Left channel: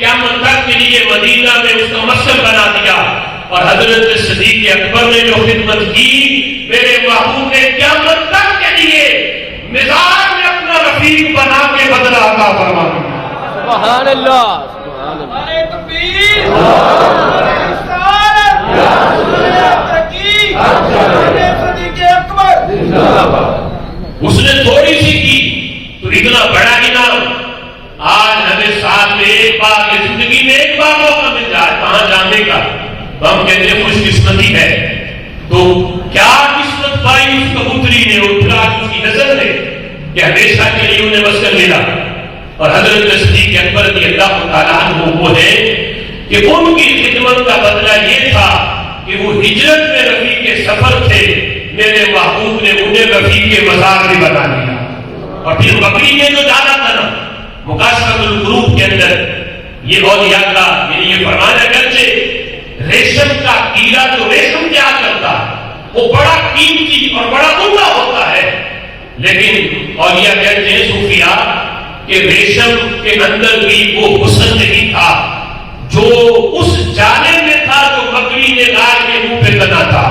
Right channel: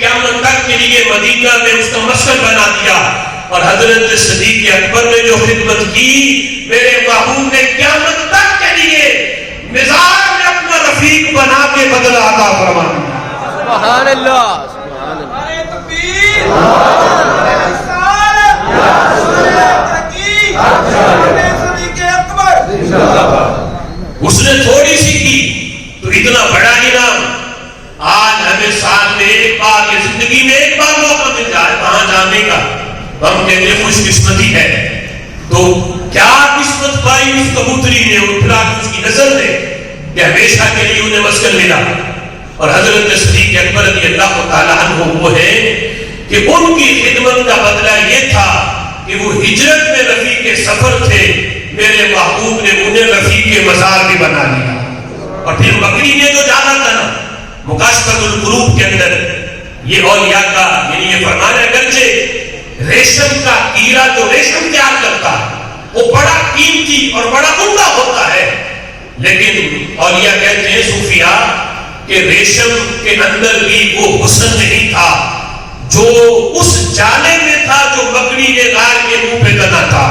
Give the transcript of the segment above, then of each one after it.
قیامت تک کے لیے مدینہ میں اس کا مسکن بنا دیا. اور حضرت صدیق اکبر نے جو خدمت کی میرے محبوب نے قیامت تک کے لیے مزار میں اپنا رفیق بنا کے بدلہ عطا فرما دیا. سبحان اللہ سبحان اللہ. اس نے تھوڑی سی کی تو اتنا بڑا انعام. آج ہمیں سال میں ایک بار زندگی میں ایک بار موقع مل جائے وہاں جانے کا ہم کہتے ہیں خوش قسمتی ہے. تو کیا قسمت پائی اس کبوتری نے اور پھر اس کی نسل نے کہ ہمیشہ کے لیے انہیں مسکن ملا. اور حضرت صدیق اکبر رضی اللہ تعالیٰ عنہ وہ ہے کہ ان کی خدمت کا بدلہ یہ تھا کہ وہ ہجرت میں رفیق سفر تھے. میرے محبوب نے انہیں رفیق مزار بھی بنا لیا. اور پھر بکری نے جو جانا تھا نا مکاشفۃ القلوب کے اندر یہ اولیاء کا یعنی یہ فرمانا گرچہ ریشم کا کیڑا جو ریشم تیار کرتا وہ بڑا قیمتی اور بڑا عمدہ ہوتا ہے لیکن اولیاء کہتے ہیں صوفیاء کہ ریشم کے اندر بھی وہ حسن نہیں تھا جو اس جالے میں تھا جو بکری نے گائے کے منہ پہ تنا تھا.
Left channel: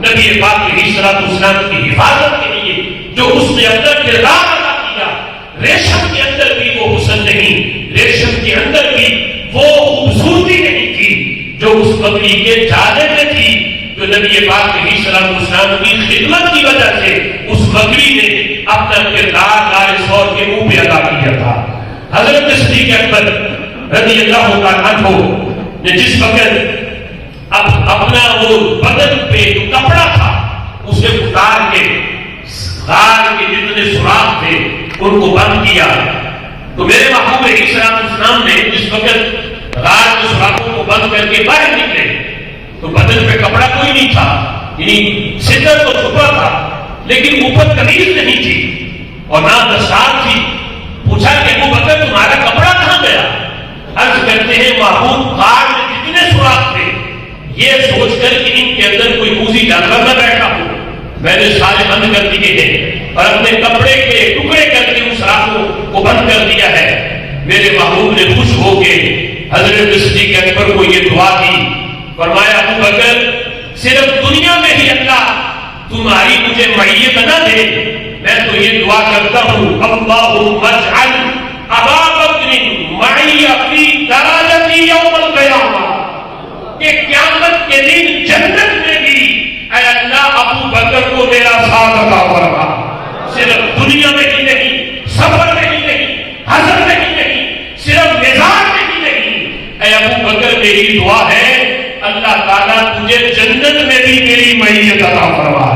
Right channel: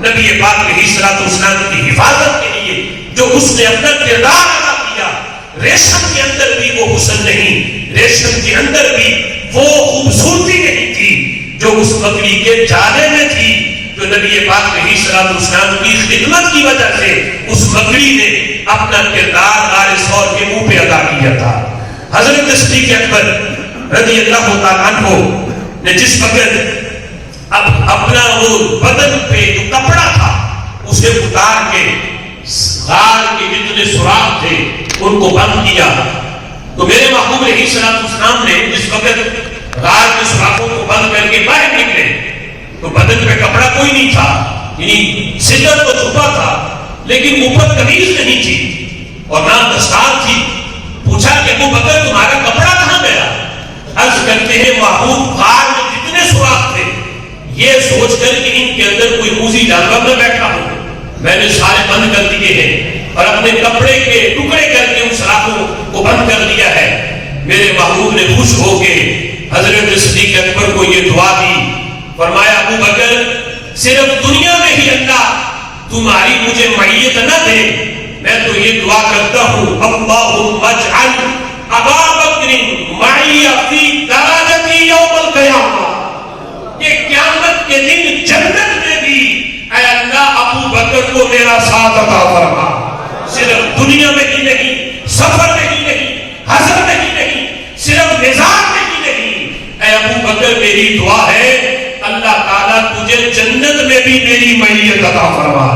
نبی پاک علیہ الصلوۃ والسلام کی حفاظت کے لیے جو اس نے اپنا کردار ادا کیا ریشم کے اندر بھی وہ حسن نہیں, ریشم کے اندر بھی وہ خوبصورتی نہیں تھی جو اس بکری کے جالے میں تھی. جو نبی پاک علیہ الصلوۃ والسلام کی خدمت کی وجہ سے اس بکری نے اپنا کردار غار ثور کے منہ پہ ادا کیا تھا. حضرت صدیق اکبر رضی اللہ تعالیٰ عنہ نے جس وقت اپنا وہ بدن پہ جو کپڑا تھا اسے اتار کے غار کے جتنے سوراخ تھے ان کو بند کیا تو میرے محبوب علیہ السلام نے جس وقت غار کے سوراخوں کو بند کر کے باہر نکلے تو بدن پہ کپڑا کوئی نہیں تھا, یعنی سجر تو چھپا تھا لیکن اوپر قمیض نہیں تھی اور نہ دستار تھی. پوچھا کہ ابو بکر تمہارا کپڑا کہاں گیا؟ عرض کرتے ہیں محبوب غار میں جتنے سوراخ تھے یہ سوچ کر کہ ان کے اندر کوئی موذی جانور نہ بیٹھا ہو میں نے سارے بند کر دیے ہیں اور اپنے کپڑے کے ٹکڑے کر کے ان سوراخوں کو بند کر دیا ہے. میرے محبوب نے خوش ہو کے حضرت صدیق اکبر کو یہ دعا دی. فرمایا ابو بکر صرف دنیا میں ہی اللہ تمہاری مجھے معیت نہ دے, میں تو یہ دعا کرتا ہوں اللہم اجعل ابا بکر معی فی درجتی یوم القیامہ کہ قیامت کے دن جنت میں بھی اے اللہ ابو بکر کو میرا ساتھ عطا فرما. صرف دنیا میں ہی نہیں, سفر میں ہی نہیں, حضر میں ہی نہیں, صرف نظام میں ہی نہیں. اے ابو بکر میری دعا ہے اللہ تعالیٰ تجھے جنت میں بھی میری معیت عطا فرما.